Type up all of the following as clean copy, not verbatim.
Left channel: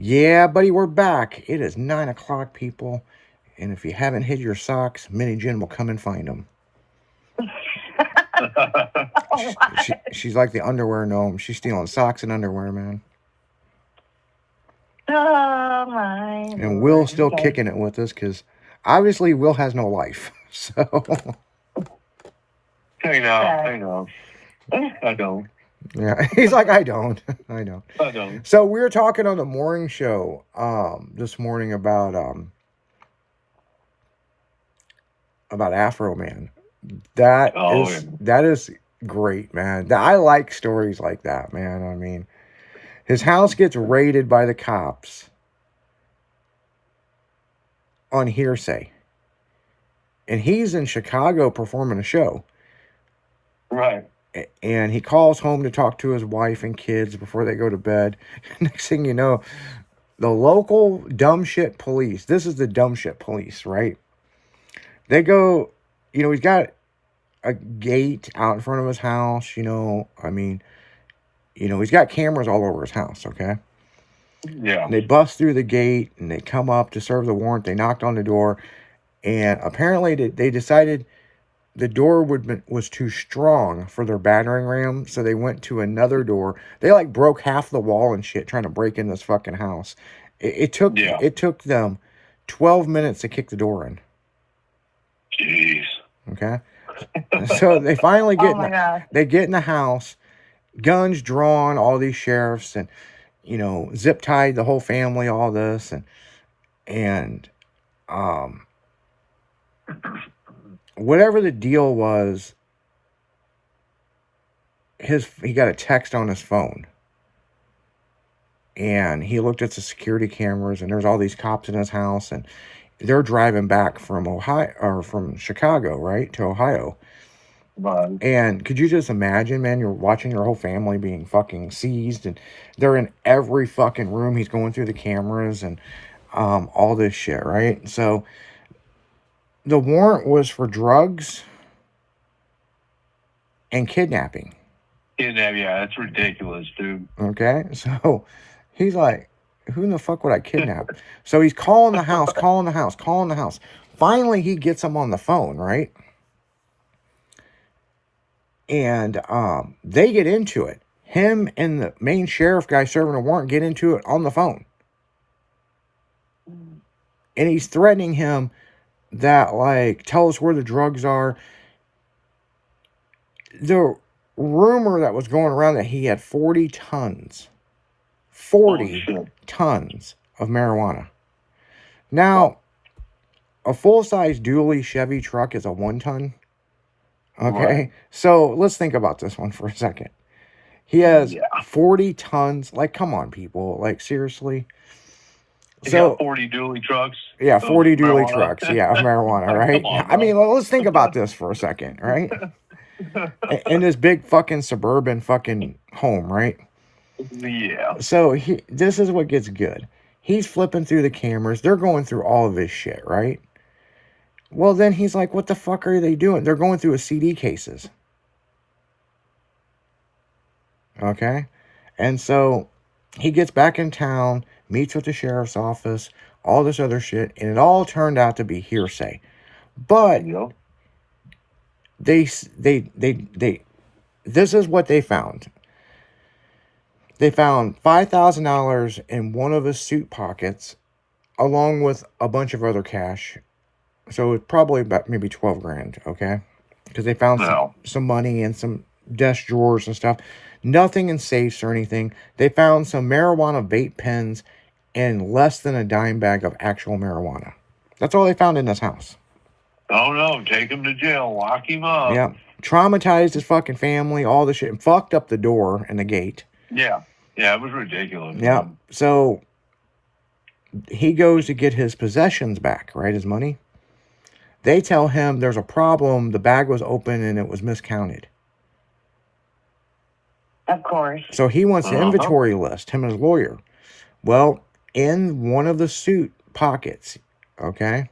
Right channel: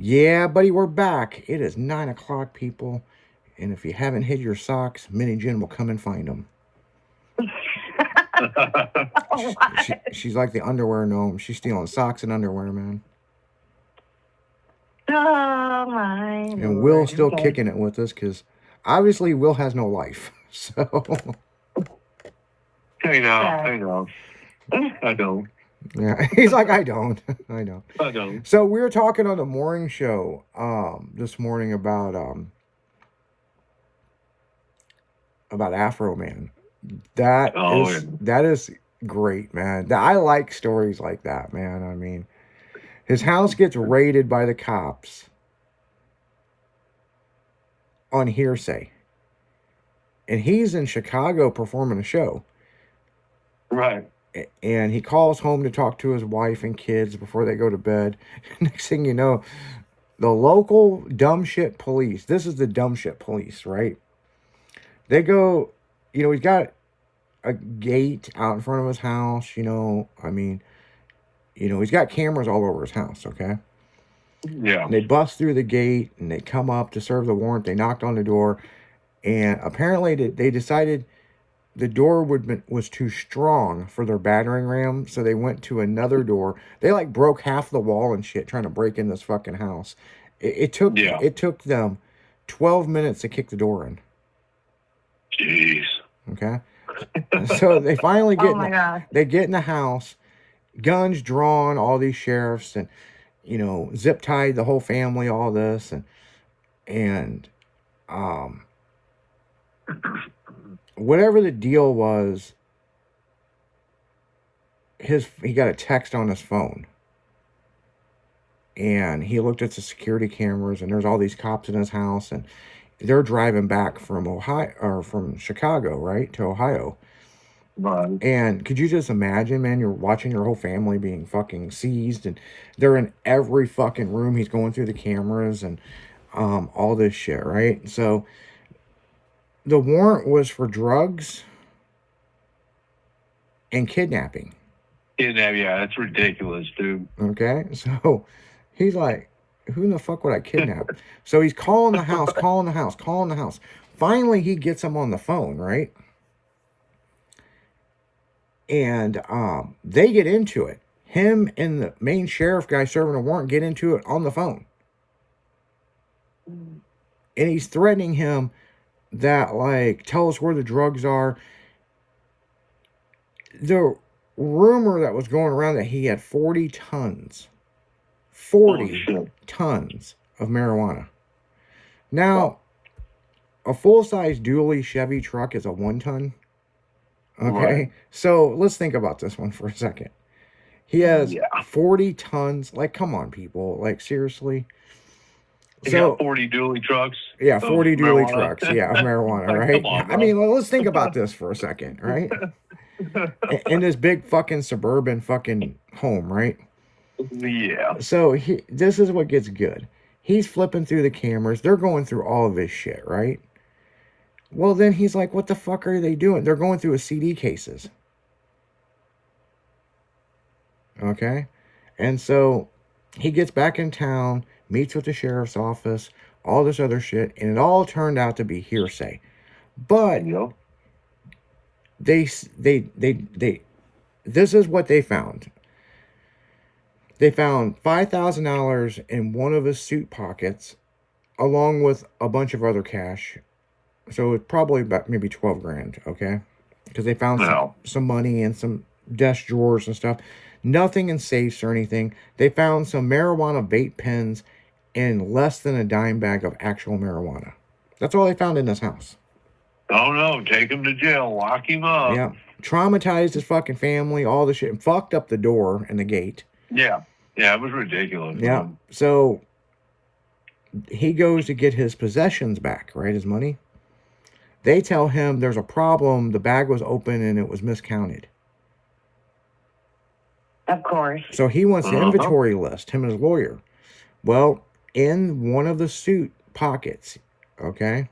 Yeah, buddy, we're back. It is 9 o'clock, people. And if you haven't hid your socks, Minnie Jen will come and find them. She's like the underwear gnome. She's stealing socks and underwear, man. Oh, my And Lord. Will's still kicking it with us because obviously Will has no life. So. I know. I don't. Yeah, he's like, I don't. I know. I don't. So we were talking on the morning show this morning about Afro Man. That is great, man. I like stories like that, man. I mean, his house gets raided by the cops on hearsay. And he's in Chicago performing a show. Right. And he calls home to talk to his wife and kids before they go to bed. Next thing you know, the local dumb shit police, this is the dumb shit police, right? They go, he's got a gate out in front of his house, he's got cameras all over his house, okay? Yeah. And they bust through the gate and they come up to serve the warrant. They knocked on the door, and apparently they decided the door was too strong for their battering ram, so they went to another door. They broke half the wall and shit trying to break in this fucking house. It took them 12 minutes to kick the door in. Jeez. Okay. So they finally get in the house, guns drawn, all these sheriffs, and zip tied the whole family, all this, and whatever the deal was, he got a text on his phone, and he looked at the security cameras, and there's all these cops in his house, and they're driving back from Ohio or from Chicago, right, to Ohio. Right. And could you just imagine, man, you're watching your whole family being fucking seized, and they're in every fucking room. He's going through the cameras and all this shit, right? So the warrant was for drugs and kidnapping. Yeah, that's ridiculous, dude. Okay, so he's like, who in the fuck would I kidnap? So he's calling the house. Finally, he gets him on the phone, right? And they get into it. Him and the main sheriff guy serving a warrant get into it on the phone. And he's threatening him that, tell us where the drugs are. The rumor that was going around that he had 40 tons of marijuana. Now, a full-size dually Chevy truck is a 1 ton. Okay, right. So let's think about this one for a second. He has 40 tons. Come on, people. Seriously. He got 40 dually trucks. Yeah, 40 dually trucks. Yeah, of marijuana, right? Come on, I mean, let's think about this for a second, right? In this big fucking suburban fucking home, right? Yeah. So this is what gets good. He's flipping through the cameras. They're going through all of this shit, right? Well, then he's like, what the fuck are they doing? They're going through his CD cases. Okay? And so he gets back in town, meets with the sheriff's office, all this other shit, and it all turned out to be hearsay. But this is what they found. They found $5,000 in one of his suit pockets, along with a bunch of other cash. So it's probably about maybe 12 grand, okay? Because they found some money and some desk drawers and stuff. Nothing in safes or anything. They found some marijuana vape pens and less than a dime bag of actual marijuana. That's all they found in this house. Oh, no. Take him to jail. Lock him up. Yeah. Traumatized his fucking family, all this shit, and fucked up the door and the gate. Yeah. Yeah, it was ridiculous. Yeah. Man. So he goes to get his possessions back, right? His money. They tell him there's a problem. The bag was open and it was miscounted. Of course. So he wants the inventory list, him and his lawyer. Well, in one of the suit pockets, okay,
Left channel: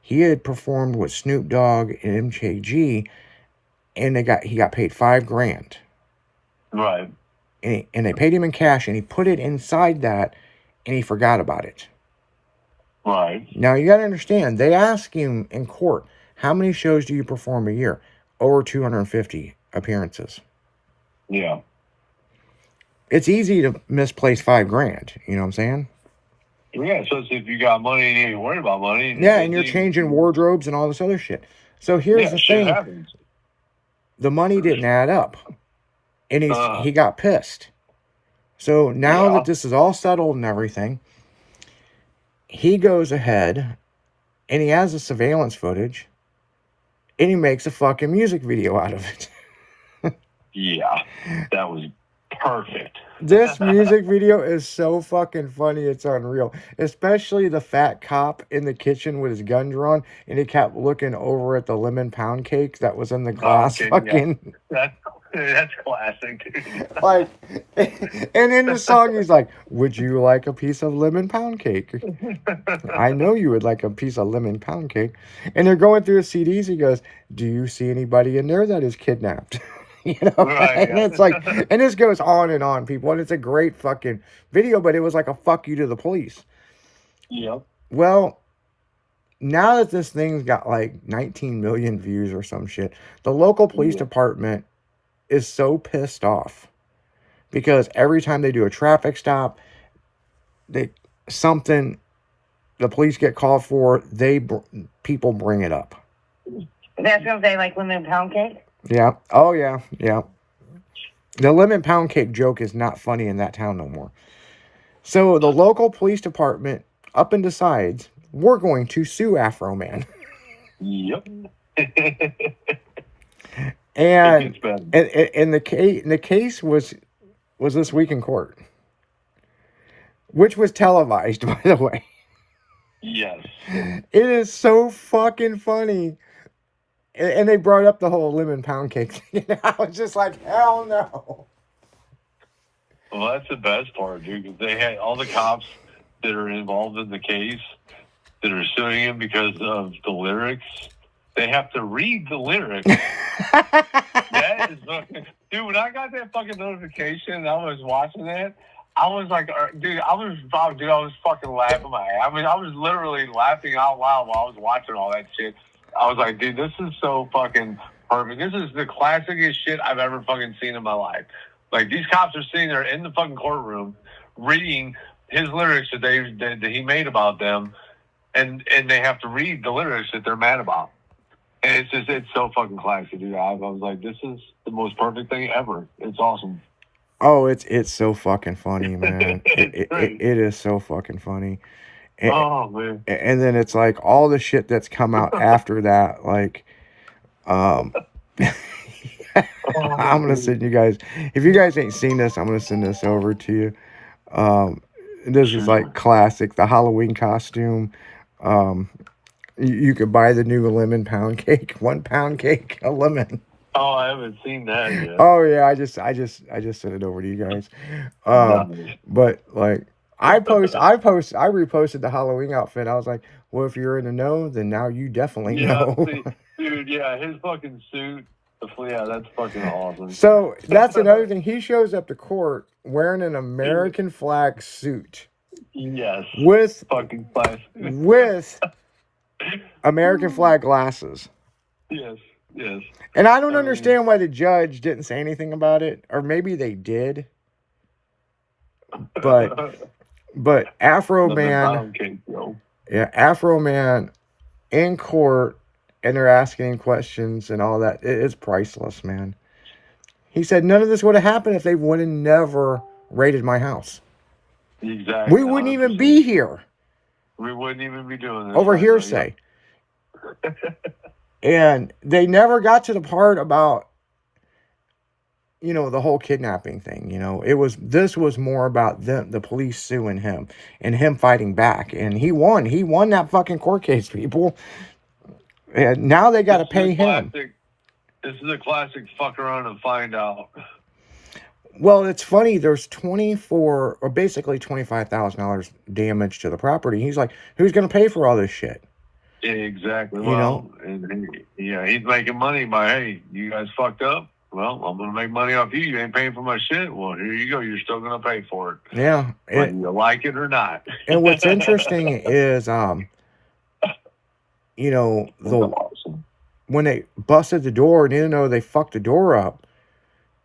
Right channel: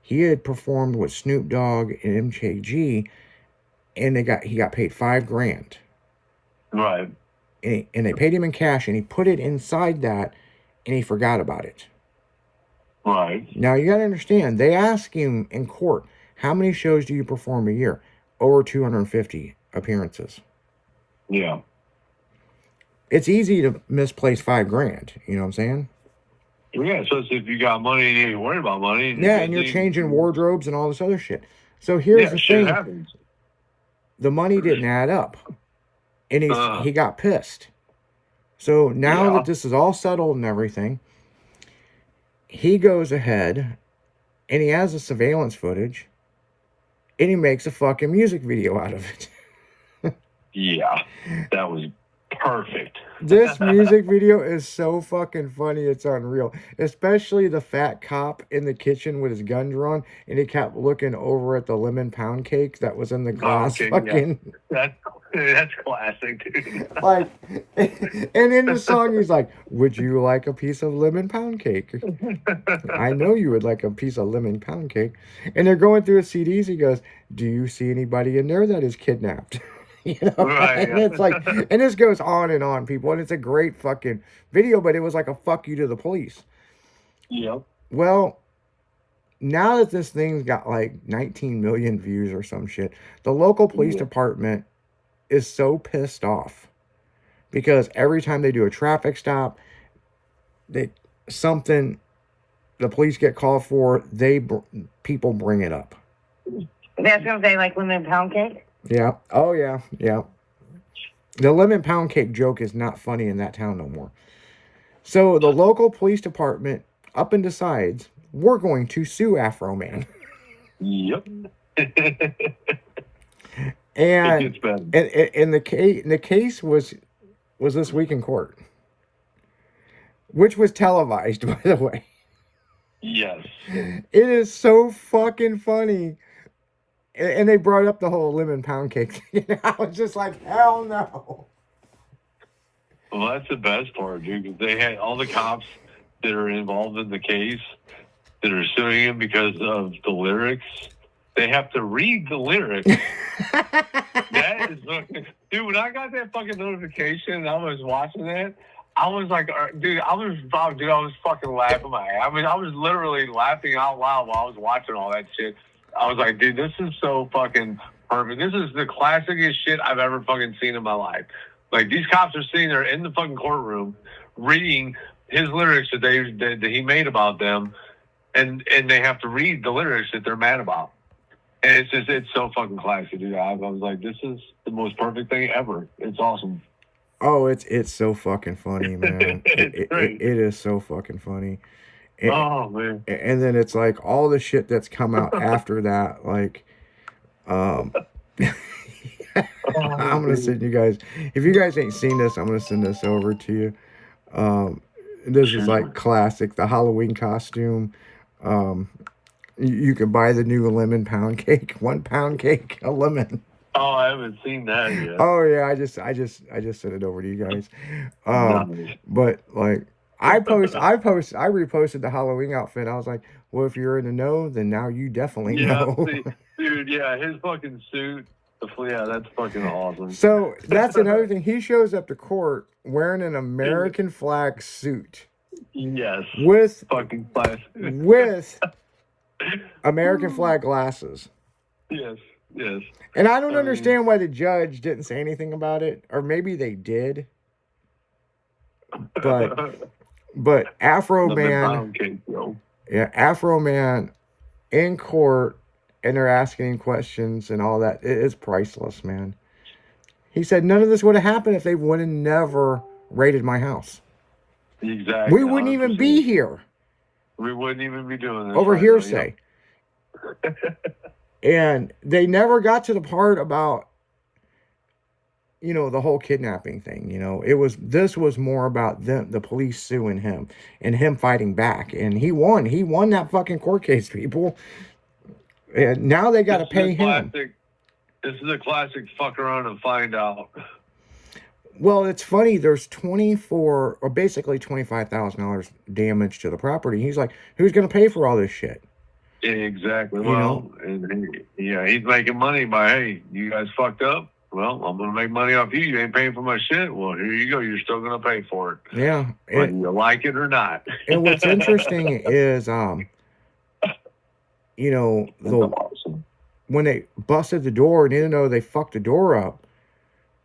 he had performed with Snoop Dogg and MKG, and he got paid $5 grand. Right. And they paid him in cash, and he put it inside that and he forgot about it. Right. Now, you got to understand, they ask him in court, how many shows do you perform a year? Over 250 appearances. Yeah. It's easy to misplace $5,000. You know what I'm saying? Yeah, especially if you got money and you ain't worried about money. Yeah, and you're changing wardrobes and all this other shit. So here's the shit thing. happens. The money didn't add up. And he got pissed. So now that this is all settled and everything, he goes ahead and he has the surveillance footage and he makes a fucking music video out of it. Yeah, that was perfect. This music video is so fucking funny, it's unreal. Especially the fat cop in the kitchen with his gun drawn, and he kept looking over at the lemon pound cake that was in the glass. Okay, fucking, that's classic, dude. like, and in the song he's like, "Would you like a piece of lemon pound cake?" I know you would like a piece of lemon pound cake. And they're going through his CDs. He goes, "Do you see anybody in there that is kidnapped?" You know, Right, and it's like, and this goes on, people, and it's a great fucking video, but it was like a fuck you to the police. Yep. Well, now that this thing's got like 19 million views or some shit, the local police department is so pissed off because every time they do a traffic stop, the police get called for, people bring it up. That's gonna say like lemon pound cake. Yeah. Oh, yeah. Yeah. The lemon pound cake joke is not funny in that town no more. So the local police department up and decides we're going to sue Afro Man. Yep. And It gets better. and the case was this week in court, which was televised, by the way. Yes. It is so fucking funny. And they brought up the whole lemon pound cake thing. I was just like, hell no. Well, that's the best part, dude. 'Cause they had all the cops that are involved in the case that are suing him because of the lyrics. They have to read the lyrics. That is fucking... Dude, when I got that fucking notification and I was watching that, I was like, dude, I was fucking laughing my ass. I mean, I was literally laughing out loud while I was watching all that shit. I was like, dude, this is so fucking perfect. This is the classicest shit I've ever fucking seen in my life. Like, these cops are sitting there in the fucking courtroom reading his lyrics that he made about them, and they have to read the lyrics that they're mad about. And it's so fucking classic, dude. I was like, this is the most perfect thing ever. It's awesome. Oh, it's so fucking funny, man. It is so fucking funny. And, oh, man. And then it's like all the shit that's come out after that, like, I'm gonna send you guys, if you guys ain't seen this, I'm gonna send this over to you. This is like classic, the Halloween costume. You could buy the new lemon pound cake, 1 pound cake, a lemon. Oh, I haven't seen that yet. Oh yeah, I just sent it over to you guys. Nice. But like I reposted the Halloween outfit. I was like, well, if you're in the know, then now you definitely know. See, dude, yeah, his fucking suit. Yeah, that's fucking awesome. So that's another thing. He shows up to court wearing an American flag suit. Yes. With fucking class. With American flag glasses. Yes. Yes. And I don't understand why the judge didn't say anything about it, or maybe they did. But Afro Man, Afro Man in court, and they're asking questions and all that. It is priceless, man. He said none of this would have happened if they would have never raided my house. Exactly. We wouldn't even be here. We wouldn't even be doing this. Over hearsay. And they never got to the part about, you know, the whole kidnapping thing. You know, this was more about the police suing him and him fighting back. And he won. He won that fucking court case, people. And now they got to pay him. This is a classic fuck around and find out. Well, it's funny. There's basically $25,000 damage to the property. He's like, who's going to pay for all this shit? Exactly. Well, yeah, he's making money by, hey, you guys fucked up. well, I'm going to make money off you. You ain't paying for my shit. Well, here you go. You're still going to pay for it, Yeah. whether you like it or not. And what's interesting is, you know, That's awesome. when they busted the door and even though they fucked the door up,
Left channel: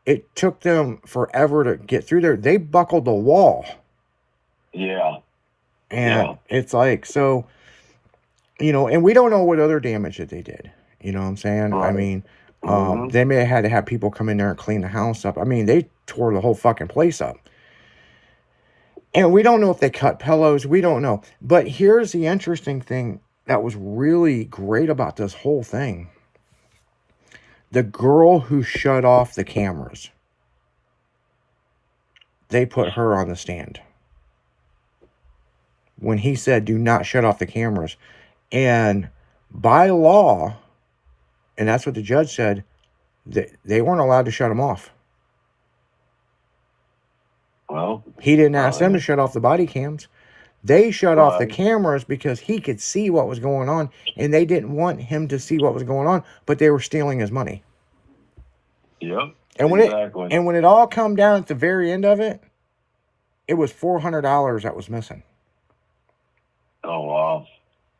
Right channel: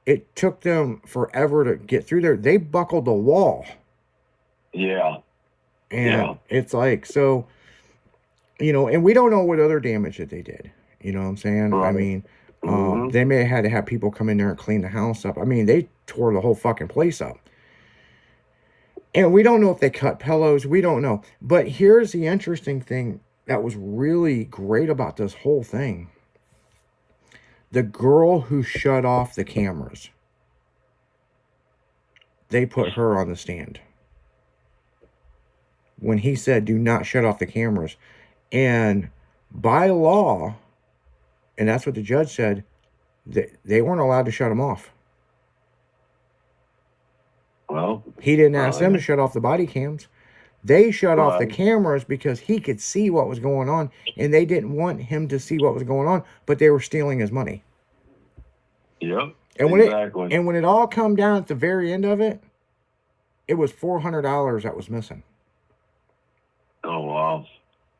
it took them forever to get through there. They buckled the wall. Yeah. And it's like, so, you know, and we don't know what other damage that they did. You know what I'm saying? Right. I mean, they may have had to have people come in there and clean the house up. I mean, they tore the whole fucking place up. And we don't know if they cut pillows. We don't know. But here's the interesting thing that was really great about this whole thing. The girl who shut off the cameras, they put her on the stand. When he said, do not shut off the cameras. And by law, and that's what the judge said, they weren't allowed to shut them off. Well, he didn't ask them to shut off the body cams. They shut off the cameras because he could see what was going on, and they didn't want him to see what was going on, but they were stealing his money. Yep. And when exactly. when it all come down at the very end of it, it was $400 that was missing. Oh wow!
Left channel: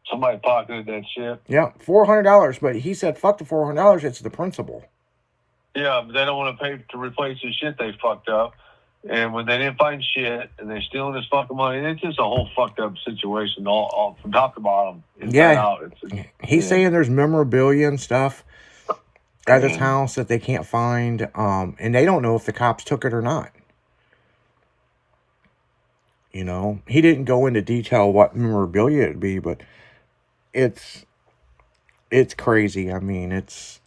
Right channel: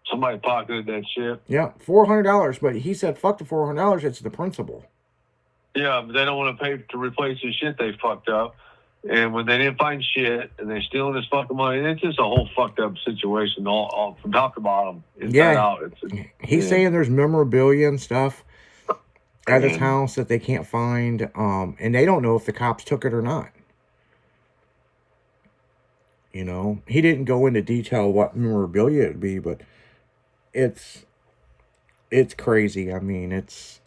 Somebody pocketed that shit. Yeah, $400. But he said, "Fuck the $400. It's the principal." Yeah, but they don't want to pay to replace the shit they fucked up. And when they didn't find shit and they're stealing this fucking money, it's just a whole fucked up situation, all from top to bottom, inside out. He's saying there's memorabilia and stuff at his house that they can't find, and they don't know if the cops took it or not. You know, he didn't go into detail what memorabilia it'd be, but it's crazy. I mean, it's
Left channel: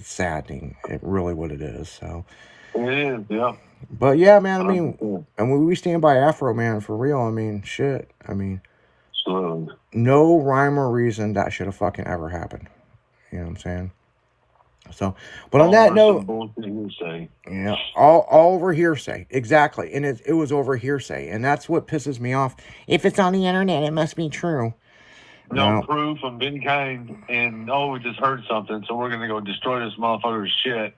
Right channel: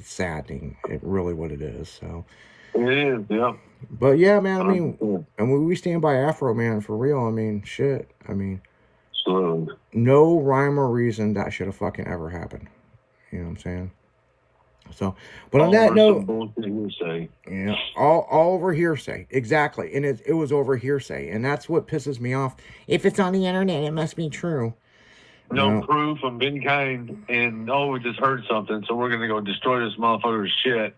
saddening. It really what it is. So it is, yeah. But yeah, man. I mean, and we stand by Afro Man for real. I mean, shit. I mean, no rhyme or reason that should have fucking ever happened. You know what I'm saying? So, but on that note, yeah, all over hearsay, exactly, and it was over hearsay, and that's what pisses me off. If it's on the internet, it must be true. No proof of any kind, and we just heard something, so we're gonna go destroy this motherfucker's shit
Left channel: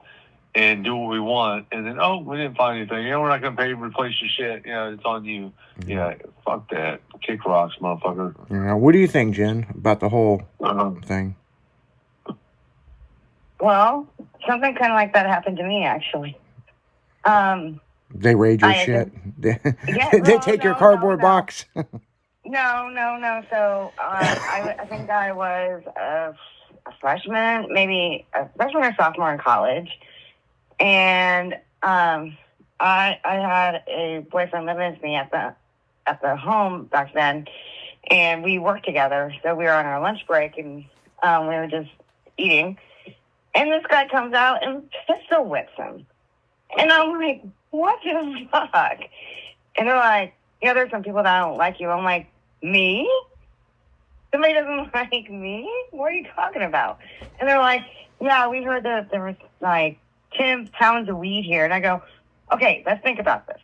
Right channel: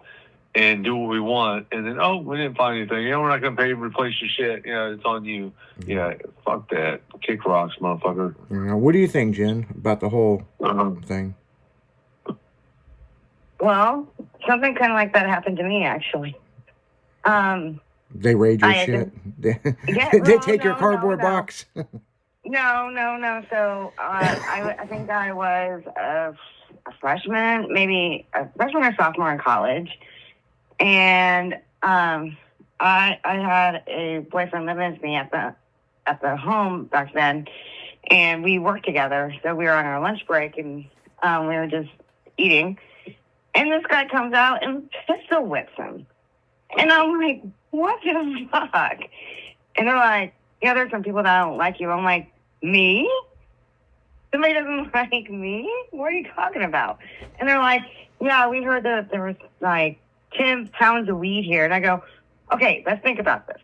and do what we want, and then we didn't find anything. We're not gonna pay to replace your shit. It's on you. Yeah, fuck that. Kick rocks, motherfucker. What do you think, Jen, about the whole thing? Well, something kind of like that happened to me, actually. They raid your shit. They take your cardboard box. No. So I think I was a freshman, maybe a freshman or sophomore in college, and I had a boyfriend living with me at the home back then, and we worked together. So we were on our lunch break, and we were just eating. And this guy comes out and pistol whips him. And I'm like, what the fuck? And they're like, yeah, there's some people that don't like you. I'm like, me? Somebody doesn't like me? What are you talking about? And they're like, yeah, we heard that there was like 10 pounds of weed here. And I go, okay, let's think about this.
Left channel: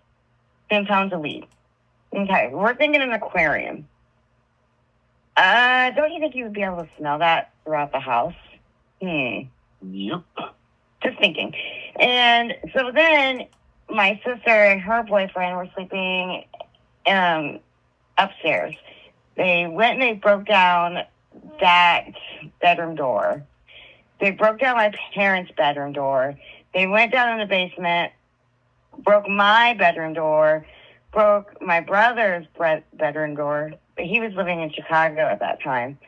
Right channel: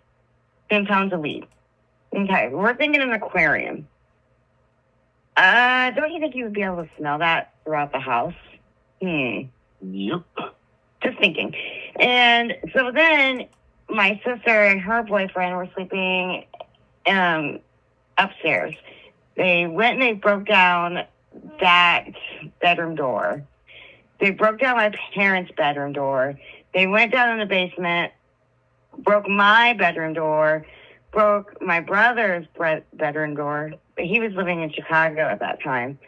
10 pounds of weed. Okay, we're thinking an aquarium. Don't you think you would be able to smell that throughout the house? Yep. Just thinking. And so then my sister and her boyfriend were sleeping upstairs. They went and they broke down that bedroom door. They broke down my parents' bedroom door. They went down in the basement, broke my bedroom door, broke my brother's bedroom door. He was living in Chicago at that time.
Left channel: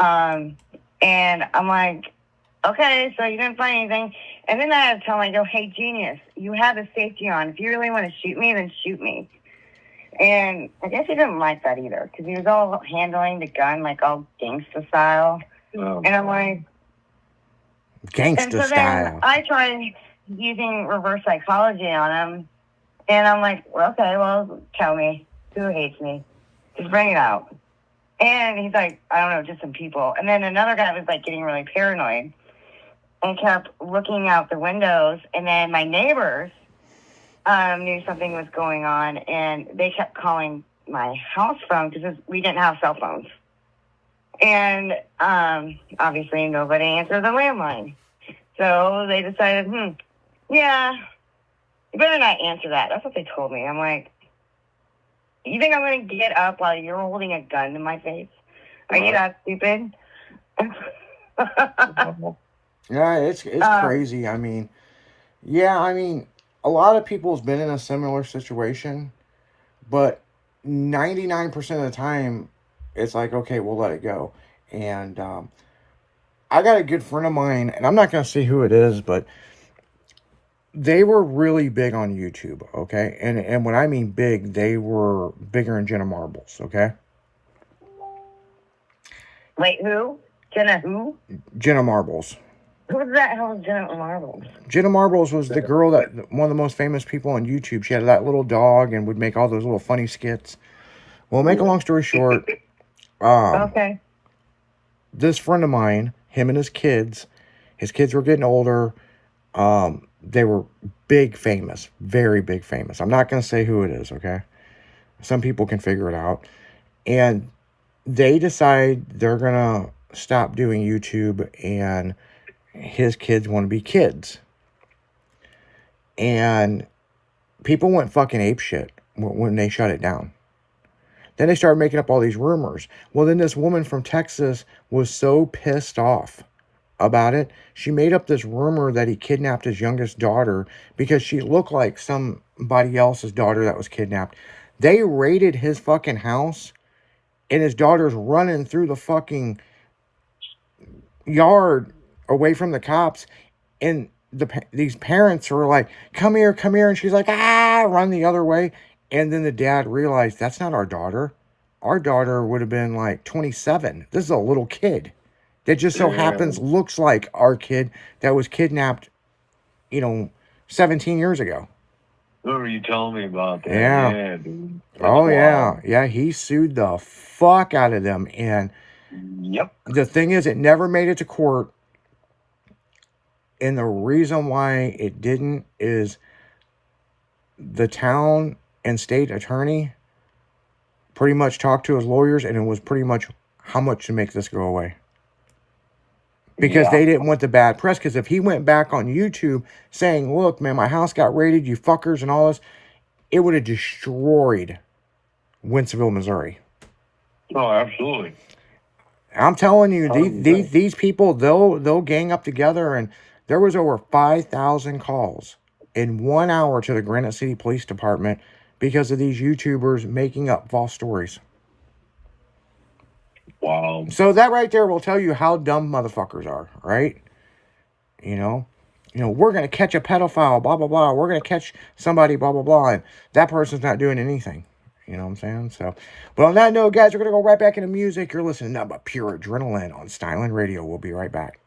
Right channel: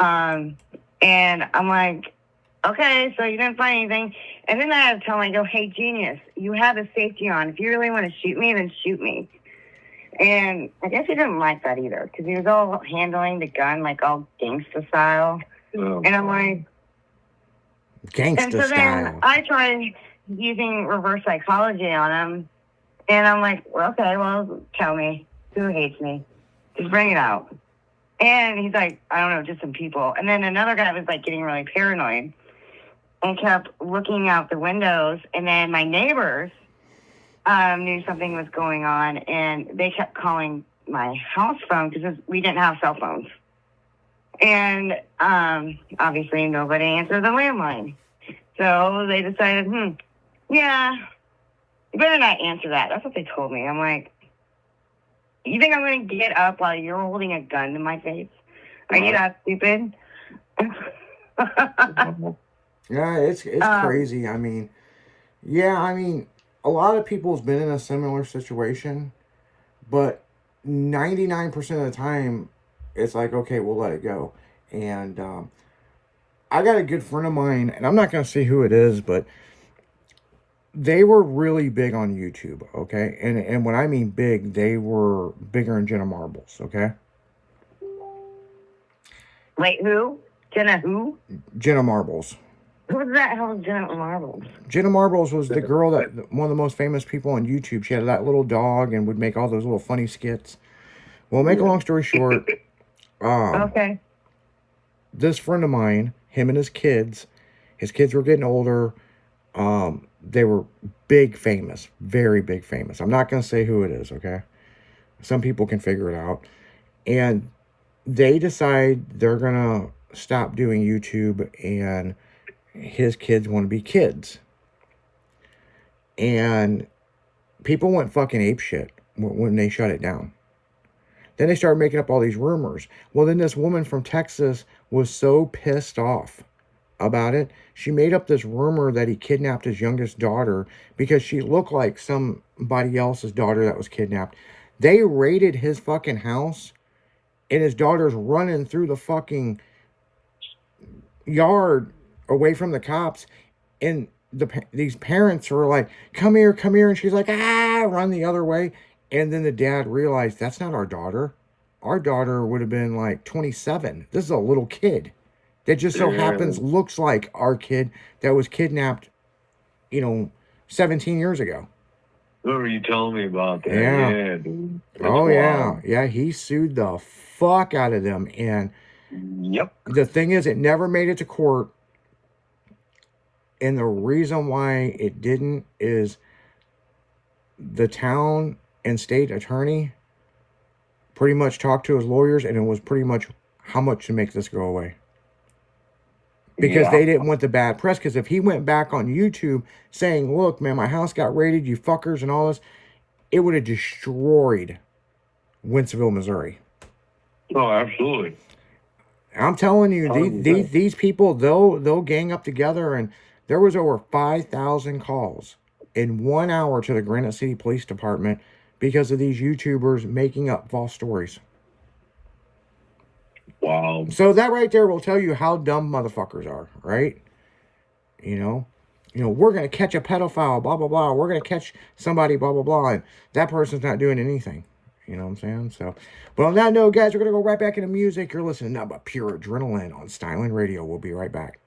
And I'm like, okay, so you didn't find anything. And then I had to tell him, I go, hey, genius, you have a safety on. If you really want to shoot me, then shoot me. And I guess he didn't like that either because he was all handling the gun like all gangsta style. And I'm like, gangsta and so style. then I tried using reverse psychology on him. And I'm like, okay, well, tell me who hates me. Just bring it out. And he's like, I don't know, just some people. And then another guy was like getting really paranoid and kept looking out the windows. And then my neighbors knew something was going on, and they kept calling my house phone because we didn't have cell phones. And obviously nobody answered the landline. So they decided, yeah, you better not answer that. That's what they told me. I'm like, you think I'm going to get up while you're holding a gun to my face? Are you that stupid? Yeah, it's crazy. I mean, a lot of people's been in a similar situation, but 99% of the time, it's like, okay, we'll let it go. And I got a good friend of mine, and I'm not going to say who it is, but they were really big on YouTube, okay? And when I mean big, they were bigger than Jenna Marbles, okay? Wait, who? Jenna who? Jenna Marbles. Who the hell is Jenna Marbles? Jenna Marbles was the girl that, one of the most famous people on YouTube. She had that little dog and would make all those little funny skits. Well, make a long story short, Okay. this friend of mine, him and his kids were getting older. They were big famous, very big famous. I'm not going to say who it is, okay? Some people can figure it out. And they decide they're going to stop doing YouTube, and his kids want to be kids. And people went fucking apeshit when they shut it down. Then they started making up all these rumors. Well, then this woman from Texas was so pissed off about it, she made up this rumor that he kidnapped his youngest daughter because she looked like somebody else's daughter that was kidnapped. They raided his fucking house, and his daughter's running through the fucking yard away from the cops, and these parents were like, come here, and she's like, run the other way. And then the dad realized, that's not our daughter. Our daughter would have been like 27. This is a little kid that just so happens looks like our kid that was kidnapped, 17 years ago. Who were you telling me about that? Yeah, Dude. Yeah, he sued the fuck out of them. And yep, the thing is, it never made it to court. And the reason why it didn't is the town and state attorney pretty much talked to his lawyers, and it was pretty much how much to make this go away. Because they didn't want the bad press. Because if he went back on YouTube saying, look, man, my house got raided, you fuckers, and all this, it would have destroyed Wentzville, Missouri. Oh, absolutely. I'm telling you, these people, they'll gang up together, and there was over 5,000 calls in 1 hour to the Granite City Police Department because of these YouTubers making up false stories. Wow. So that right there will tell you how dumb motherfuckers are, right? We're going to catch a pedophile, blah, blah, blah. We're going to catch somebody, blah, blah, blah. And that person's not doing anything. You know what I'm saying? So, but on that note, guys, we're going to go right back into music. You're listening to nothing but pure adrenaline on Styling Radio. We'll be right back.